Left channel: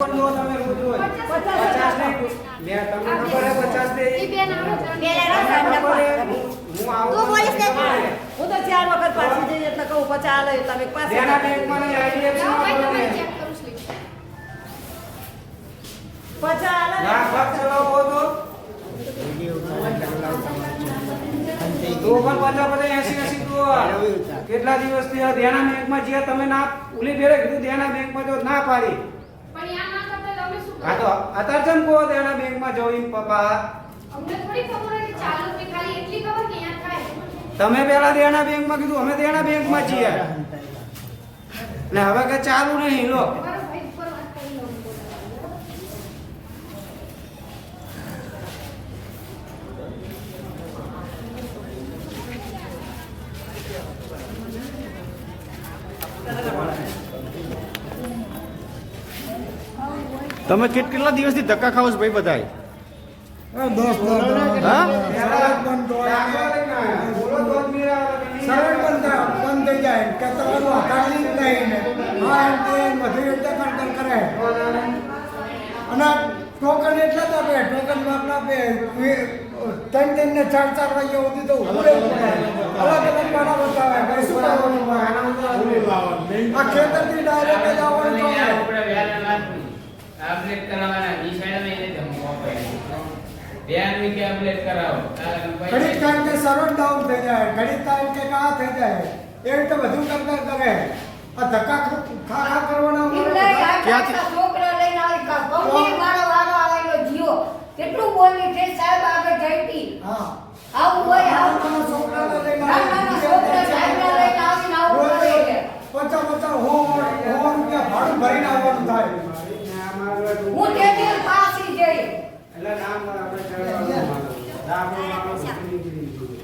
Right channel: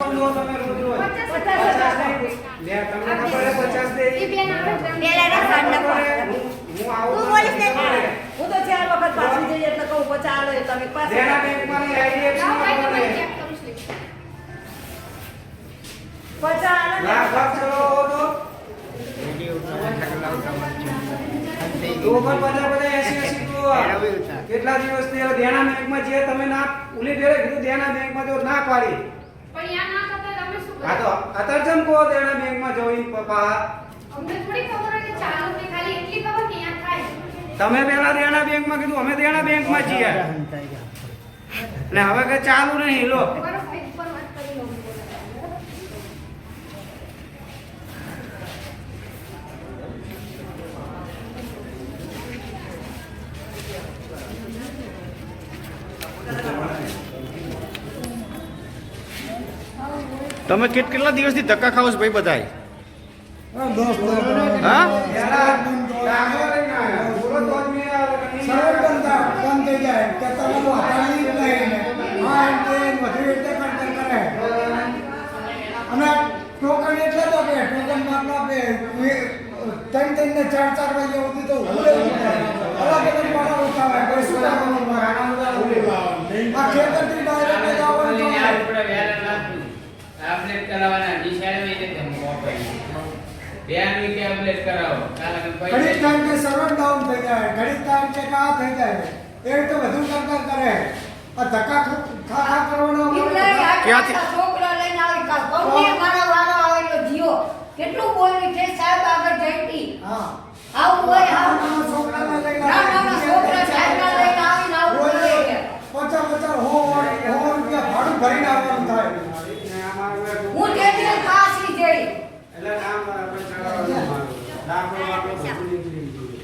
તમે રોજ રોજ 50 લે તમને ખબર હે 50 દે હું આવું હું તો 4 વખત પાછી જઈ એટલે કહું 50 લે એટલે મેં પાસે દેના બેંકમાં ને આઈડીએફસી માં કરો ને 50 લાખ લાખ ચલો તો તો પણ બધા 80 તો કેટલા દિવસ થી દેના બેંકમાં જે તમે ના ઉલી ફેરે કીધું દેના બેંકમાં જો ના પાડી પણ યાર ના કરતા તમે શું હા તો અત્યારે જેમ કહો દેના બેંકમાં જોઈન પપ્પા અમને થોડી ખબર હોય કે ચાલુ કે ખાલી એટલી ખબર કે યાર થાય તમે પેલા દેના બેંકમાં કીધું અમે દેના બેંકમાં છીએ ને હવે કે ચાલુ નહીં લો તમારો ભાઈ ઉપર વાત કરી લો તમે કેટલા દિવસથી ધક્કા ખાવ છો ભાઈ બધાય હા अपडेट करावाना निशाण में इने धमको આપે ધ્યાન में के अपडेट कराओ કારણ ઘડી ટાઈમ કે સર્વર ડાઉન થઈ જાય ઘડી ટાઈમ કે કા થઈ જાય એ તો વધુ કરતા કરે આ ધક્કા ખા કરવાના ક્યાંથી? છોકરા લઈને આવી કંપની મારો વારો આવેલો જીઓ કેટલું બોલી છે સાહેબ આગળ જઈતી હા આવું હોય આવું તમે છોકરાને લઈને ના ના છોકરા સાહેબને લઈને આવીને આવું બોલે છે 50 રૂપિયા ભાડું ભરીને આવવાનું થાય હું તે પાછી જઈ એટલે નામ આપણે ચડાવવાનું નામ આપણે ભૂલી ગયું